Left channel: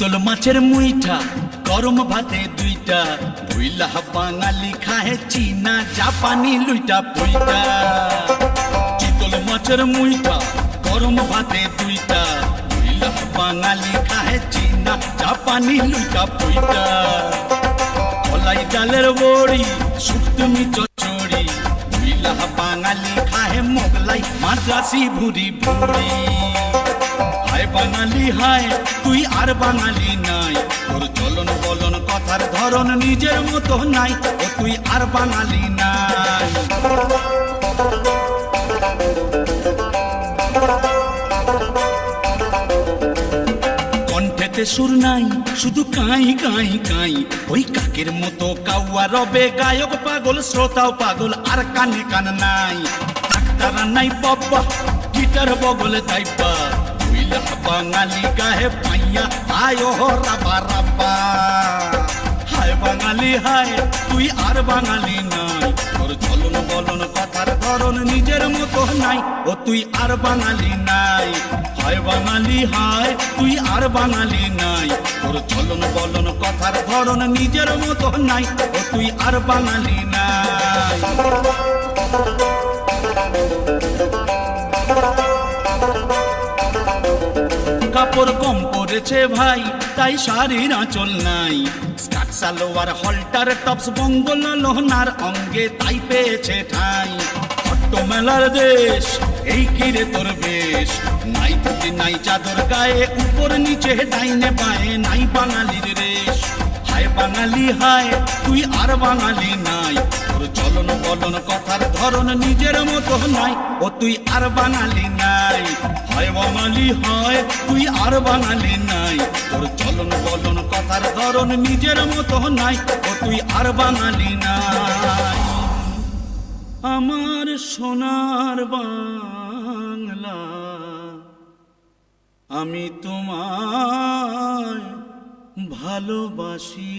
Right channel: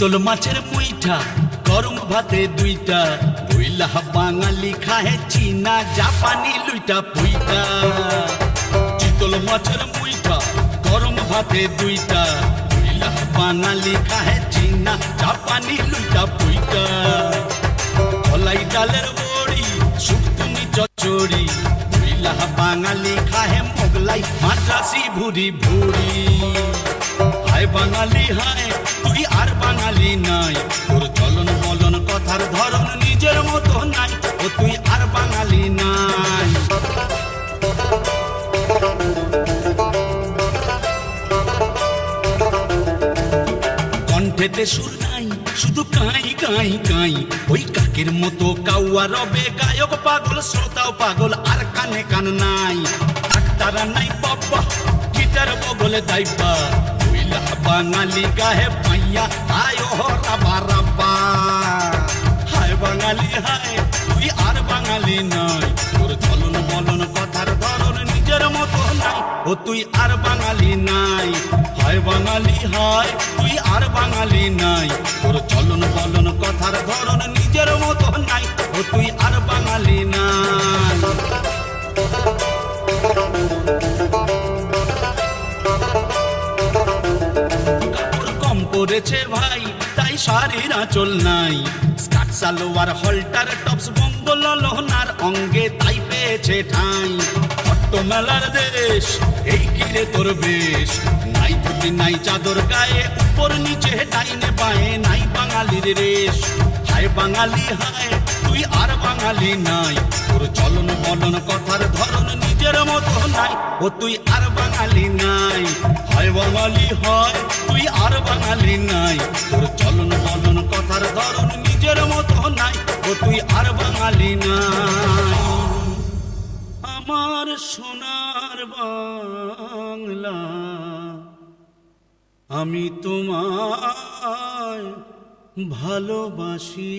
চিতল মাছের মুইঠা গরম ভাতে দুইটা বইলা বাঙালি খাহে চীনা জাপানি লুইটা পুইটা। চিতল মাছের মুইঠা গরম ভাতে দুইটা বইলা বাঙালি খাহে চীনা জাপানি লুইটা পুইটা। কলাই ডালের বড়ি শুক্তুনি চচ্চড়ি বইলা বাঙালি খাহে মোগলাই মাদ্রাসি ভুরি ভুরি। হায় বাঙালি হায় তুই আর বাঙালি নাই, তোর চলন বলন কথার ধরন নিজের মতো নাই, ও তুই আর বাঙালি নাই। কণ্ঠেতে সুর নাই শুধু কাই কাই কাই, ওই কাকের মতো কাউয়া রবে গায়ক পাগল শ্রোতাও পাগল আর কানে কান নাই। ডাক্তারা নাই বাবা গিটার বগল দাইবা বাঙালি গাহে পাইয়া আয় রাবা রাবা। হায় বাঙালি হায় তুই আর বাঙালি নাই, তোর চলন বলন কথার ধরন নিজের মতো নাই, ও তুই আর বাঙালি নাই। হায় বাঙালি হায় তুই আর বাঙালি নাই, তোর চলন বলন কথার ধরন নিজের মতো নাই, ও তুই আর বাঙালি নাই। কাপড় কম পড়েছে ভাই তাই শাড়ির আঁচল নাই, স্কার্ট সালোয়ার হলটার টপস বঙ্গল লোহনার অঙ্গে তাই পেয়েছে ঠাঁই। অট্ট মেলার দেশ এই কিরে তোর বেশ, নাই ধুতি নাই চাদর গায়ে উপর নিচে ডাইনে বায়ে নাই বাঙালির রেশ। হায় বাঙালি হায় তুই আর বাঙালি নাই, তোর চলন বলন কথার ধরন নিজের মতো নাই, ও তুই আর বাঙালি নাই। হায় বাঙালি হয় তুই আর বাঙালি নাই, তোর চলন বলন কথার ধরন নিজের মতো নাই, ও তুই আর বাঙালি নাই। আমার সোনার বাংলা আমি তোমায় ভালোবাসি।